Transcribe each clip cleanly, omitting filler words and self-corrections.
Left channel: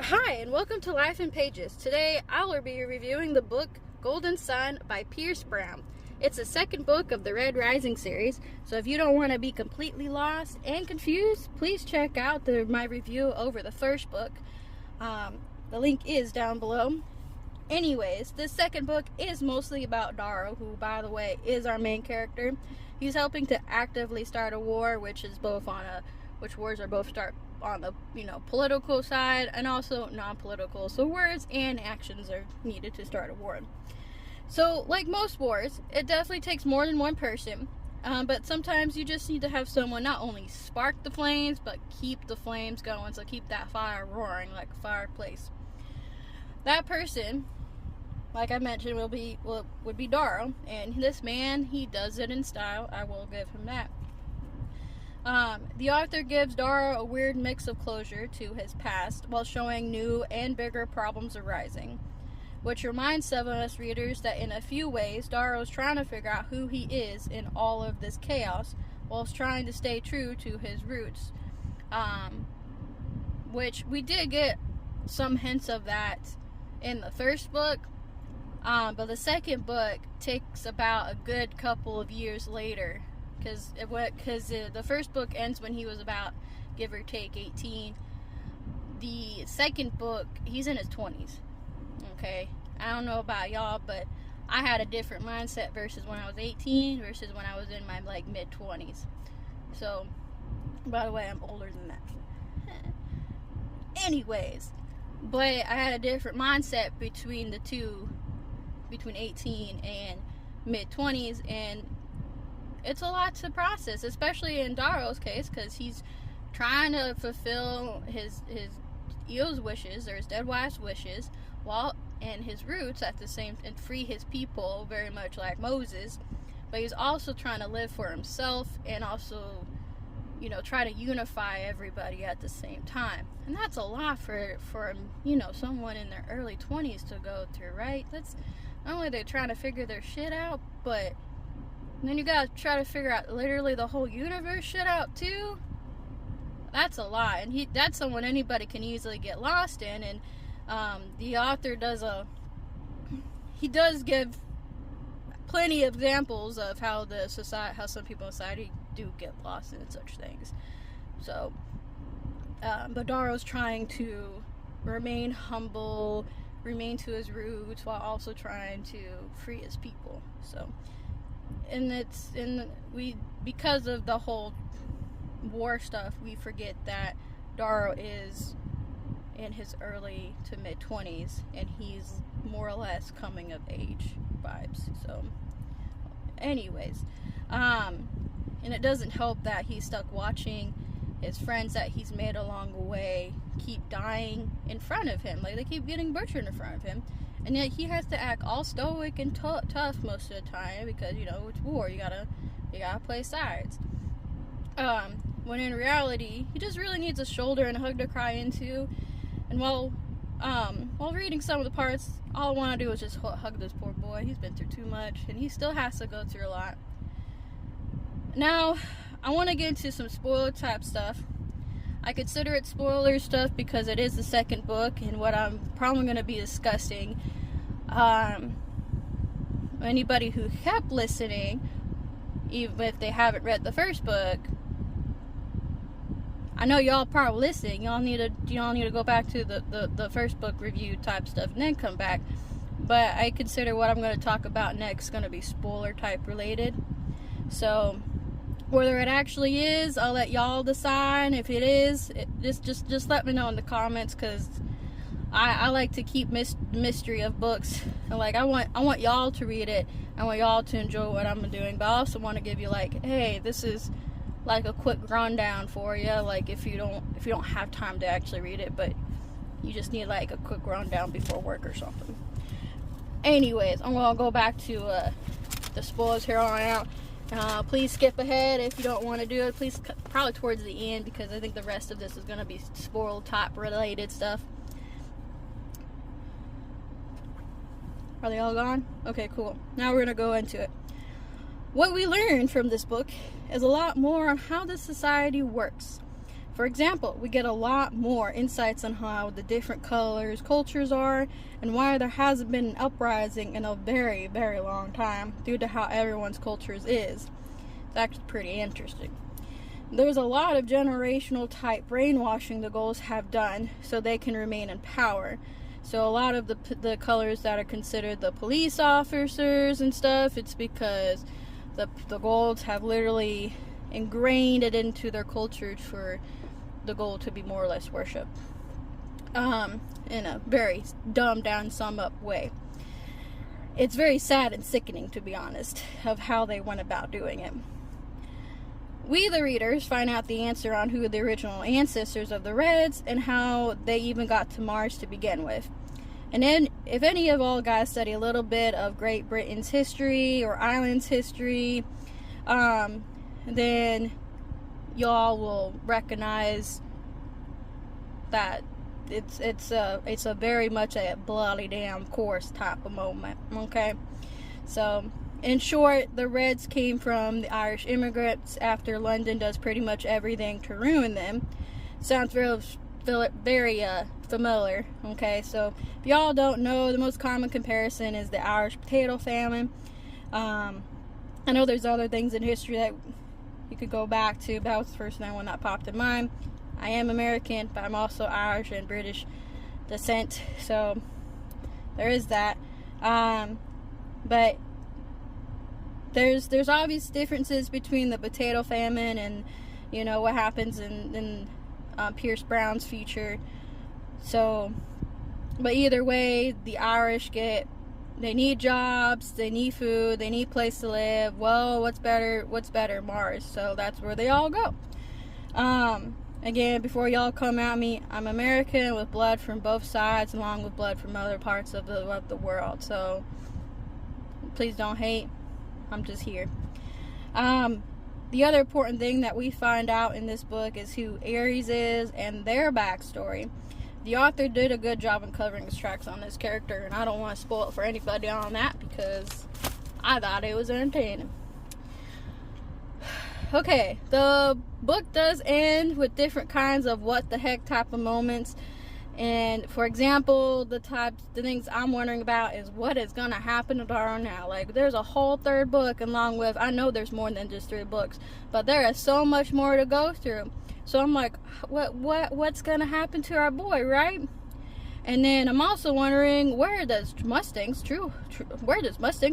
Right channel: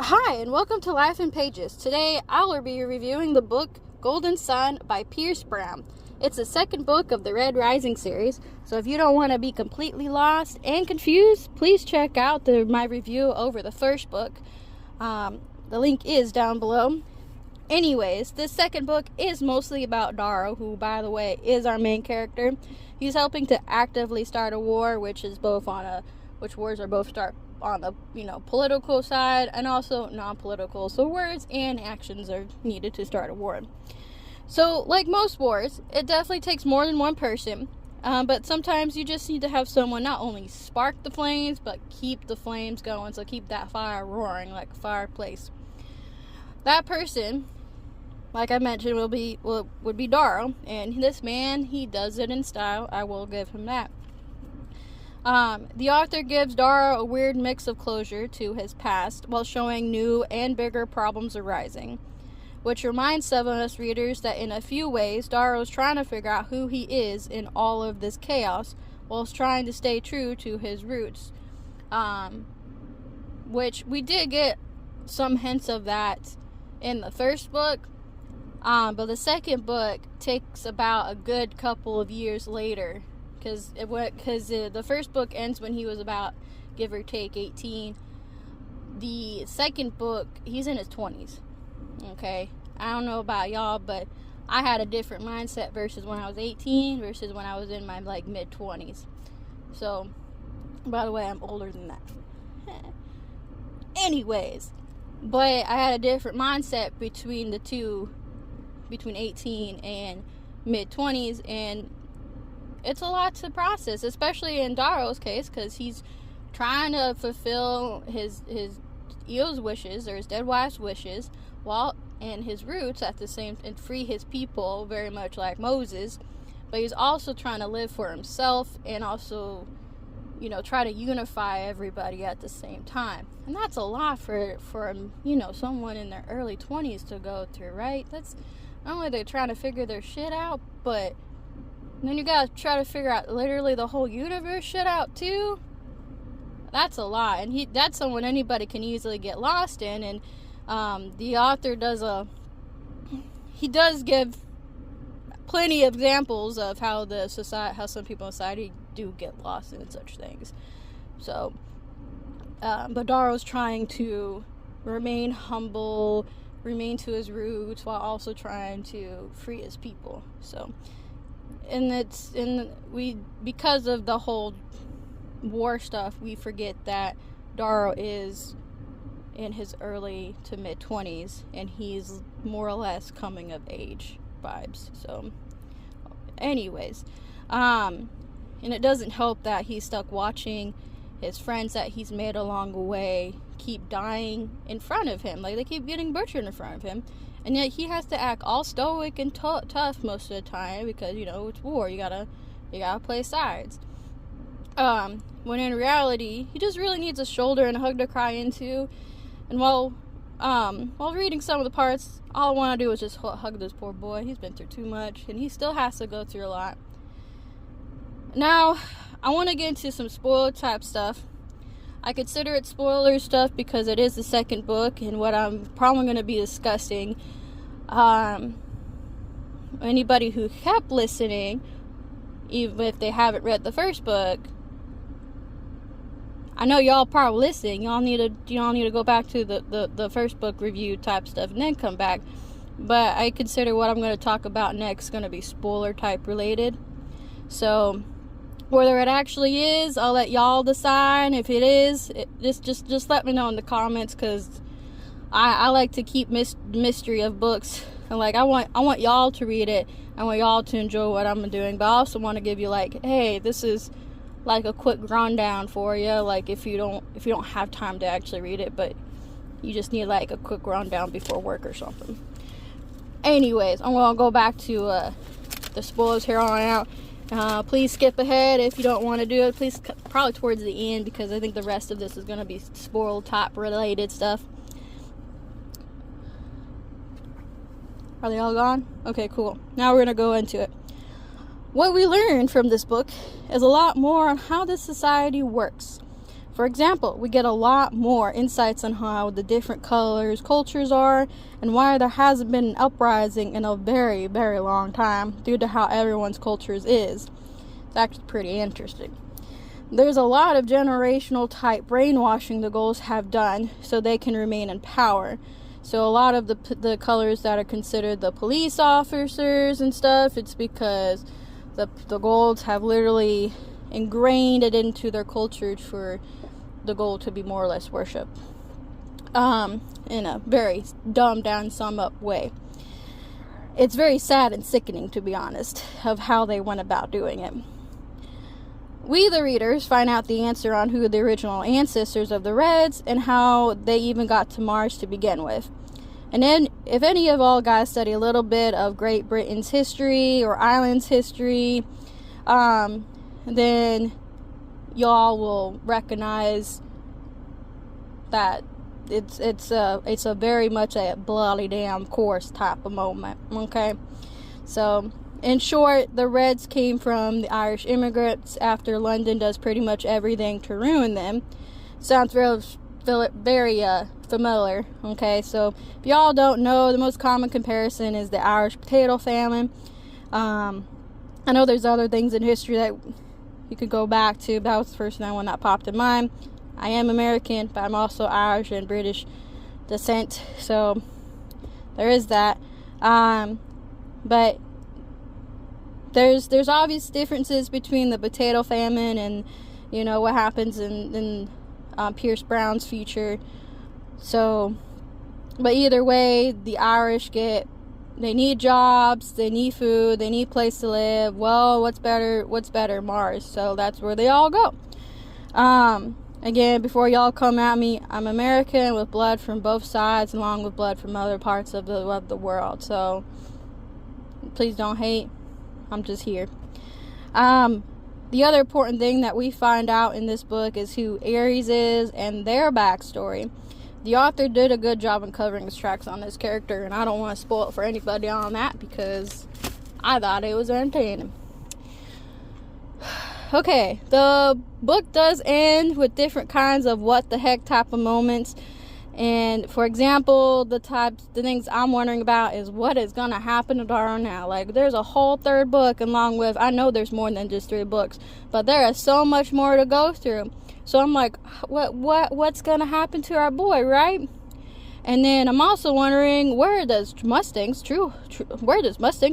Hi, and welcome to Life in Pages. Today, I will be reviewing the book Golden Sun by Pierce Brown. It's the second book of the Red Rising series, so if you don't want to be completely lost and confused, please check out my review over the first book. The link is down below. Anyways, this second book is mostly about Darrow, who, by the way, is our main character. He's helping to actively start a war, which wars are both start on the political side and also non-political. So words and actions are needed to start a war. So, like most wars, it definitely takes more than one person. But sometimes you just need to have someone not only spark the flames, but keep the flames going. So keep that fire roaring like a fireplace. That person, like I mentioned, would be Darrow, and this man, he does it in style. I will give him that. The author gives Darrow a weird mix of closure to his past while showing new and bigger problems arising, which reminds some of us readers that in a few ways Darrow's trying to figure out who he is in all of this chaos whilst trying to stay true to his roots, which we did get some hints of that in the first book, but the second book takes about a good couple of years later, because the first book ends when he was about, give or take, 18. The second book, he's in his 20s. Okay, I don't know about y'all, but I had a different mindset versus when I was 18 versus when I was in my mid 20s. So, by the way, I'm older than that. Anyways, but I had a different mindset between the two, between 18 and mid 20s, and it's a lot to process, especially in Darrow's case, because he's trying to fulfill his Eo's wishes, or his dead wife's wishes, and his roots at the same, and free his people, very much like Moses. But he's also trying to live for himself and also, try to unify everybody at the same time. And that's a lot for someone in their early 20s to go through, right? That's not only they're trying to figure their shit out, but then you gotta try to figure out literally the whole universe shit out too. That's a lot, and that's someone anybody can easily get lost in. And the author does give plenty of examples of how some people in society do get lost in such things. So, but Darrow's trying to remain humble, remain to his roots, while also trying to free his people. So, because of the whole war stuff, we forget that Darrow is in his early to mid 20s, and he's more or less coming of age vibes. So, anyways, and it doesn't help that he's stuck watching his friends that he's made along the way keep dying in front of him. Like, they keep getting butchered in front of him, and yet he has to act all stoic and tough most of the time because, it's war. You gotta play sides. When in reality, he just really needs a shoulder and a hug to cry into. And while reading some of the parts, all I want to do is just hug this poor boy. He's been through too much, and he still has to go through a lot. Now, I want to get into some spoiler type stuff. I consider it spoiler stuff because it is the second book, and what I'm probably going to be discussing. Anybody who kept listening, even if they haven't read the first book, I know y'all probably listening. Y'all need to go back to the first book review type stuff and then come back. But I consider what I'm going to talk about next going to be spoiler type related. So whether it actually is, I'll let y'all decide. If it is, just let me know in the comments, because I like to keep mystery of books. And I want y'all to read it. I want y'all to enjoy what I'm doing. But I also want to give you hey, this is a quick rundown for you. If you don't have time to actually read it, but you just need a quick rundown before work or something. Anyways, I'm gonna go back to the spoilers here on out. Please skip ahead if you don't want to do it. Please, probably towards the end, because I think the rest of this is gonna be spoil top related stuff. Are they all gone? Okay, cool. Now we're gonna go into it. What we learn from this book is a lot more on how this society works. For example, we get a lot more insights on how the different cultures are, and why there hasn't been an uprising in a very, very long time due to how everyone's cultures is. It's actually pretty interesting. There's a lot of generational type brainwashing the Goals have done so they can remain in power. So a lot of the colors that are considered the police officers and stuff, it's because the Golds have literally ingrained it into their culture for the Gold to be more or less worshipped. In a very dumbed down, sum up way. It's very sad and sickening, to be honest, of how they went about doing it. We, the readers, find out the answer on who the original ancestors of the Reds and how they even got to Mars to begin with. And then, if any of all guys study a little bit of Great Britain's history or Ireland's history, then y'all will recognize that it's a very much a bloody damn course type of moment. Okay, so in short, the Reds came from the Irish immigrants after London does pretty much everything to ruin them. Sounds very familiar. Okay, so if y'all don't know, the most common comparison is the Irish potato famine. I know there's other things in history that you could go back to, but that was the first one that popped in mind. I am American, but I'm also Irish and British descent, so there is that. But there's obvious differences between the potato famine and, you know, what happens in Pierce Brown's future. So, but either way, the Irish they need jobs, they need food, they need place to live. Well, what's better? Mars. So that's where they all go. Again, before y'all come at me, I'm American with blood from both sides, along with blood from other parts of the world. So please don't hate. I'm just here. The other important thing that we find out in this book is who Ares is and their backstory. The author did a good job in covering his tracks on this character, and I don't want to spoil it for anybody on that because I thought it was entertaining. Okay, the book does end with different kinds of what the heck type of moments. And for example, the things I'm wondering about is what is gonna happen to Dara now. Like, there's a whole third book, along with, I know there's more than just 3 books, but there is so much more to go through. So I'm like, what's gonna happen to our boy, right? And then I'm also wondering, where does Mustang's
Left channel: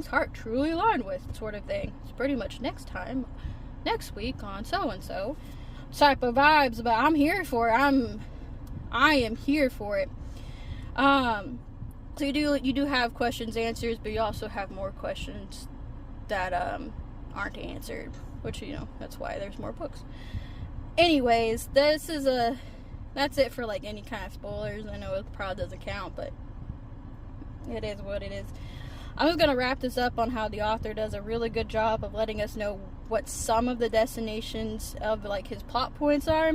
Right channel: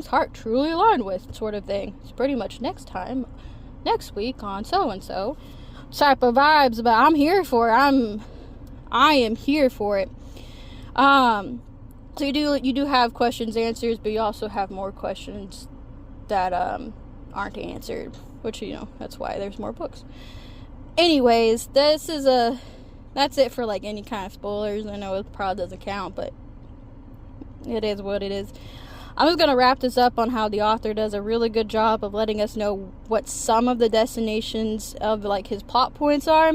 heart truly align with, sort of thing. It's pretty much next week on so and so type of vibes, but I'm here for it. I am here for it. So you do have questions, answers, but you also have more questions that aren't answered, which, you know, that's why there's more books. Anyways, that's it for like any kind of spoilers. I know it probably doesn't count, but it is what it is. I'm just gonna wrap this up on how the author does a really good job of letting us know what some of the destinations of like his plot points are.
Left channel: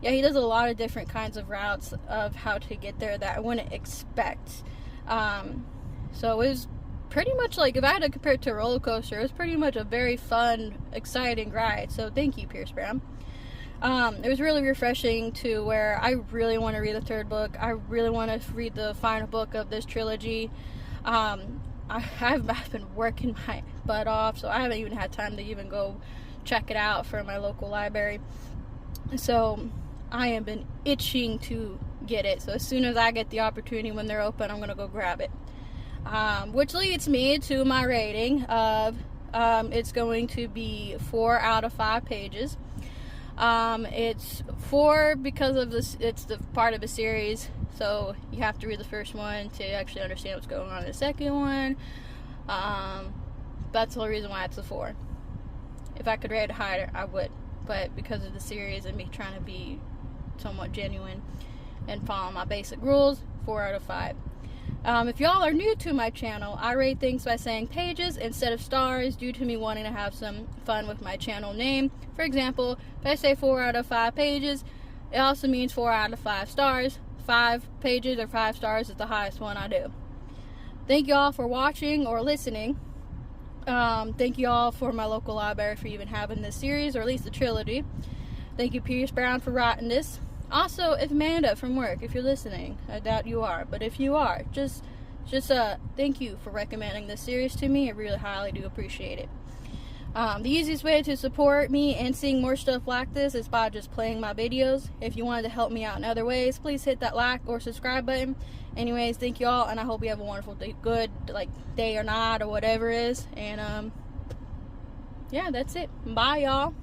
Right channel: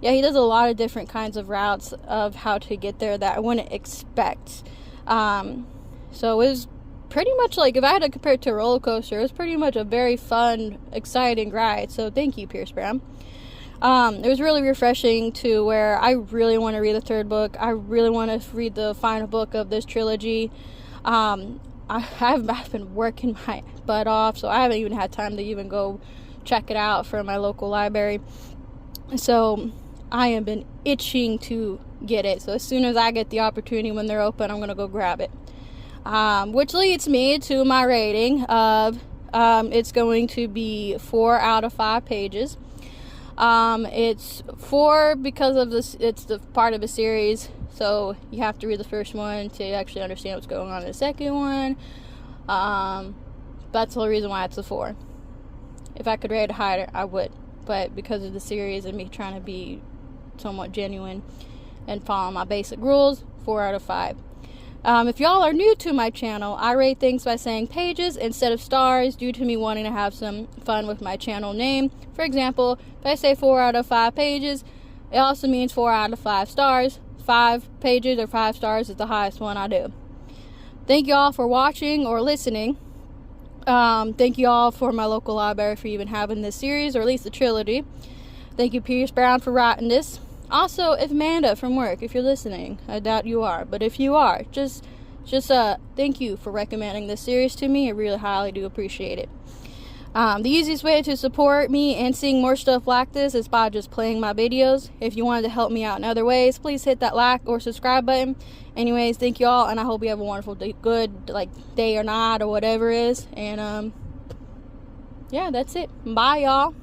Yeah, he does a lot of different kinds of routes of how to get there that I wouldn't expect. So it was pretty much like, if I had to compare it to a roller coaster, it was pretty much a very fun, exciting ride. So thank you, Pierce Brown. It was really refreshing to where I really want to read the 3rd book. I really want to read the final book of this trilogy. I've been working my butt off, so I haven't even had time to even go check it out from my local library. So I have been itching to get it. So as soon as I get the opportunity when they're open, I'm gonna go grab it. Which leads me to my rating of it's going to be 4 out of 5 pages. It's 4 because of this. It's the part of a series, so you have to read the first one to actually understand what's going on in the second one. That's the only reason why it's a 4. If I could rate it higher, I would. But because of the series and me trying to be somewhat genuine and follow my basic rules, 4 out of 5. If y'all are new to my channel, I rate things by saying pages instead of stars due to me wanting to have some fun with my channel name. For example, if I say 4 out of 5 pages, it also means 4 out of 5 stars. 5 pages or 5 stars is the highest one I do. Thank y'all for watching or listening. Thank y'all for my local library for even having this series, or at least the trilogy. Thank you, Pierce Brown, for writing this. Also, if Amanda from work, if you're listening, I doubt you are, but if you are, just thank you for recommending this series to me. I really highly do appreciate it. The easiest way to support me and seeing more stuff like this is by just playing my videos. If you wanted to help me out in other ways, please hit that like or subscribe button. Anyways, thank you all, and I hope you have a wonderful day, good day or night or whatever it is. And yeah, that's it. Bye, y'all.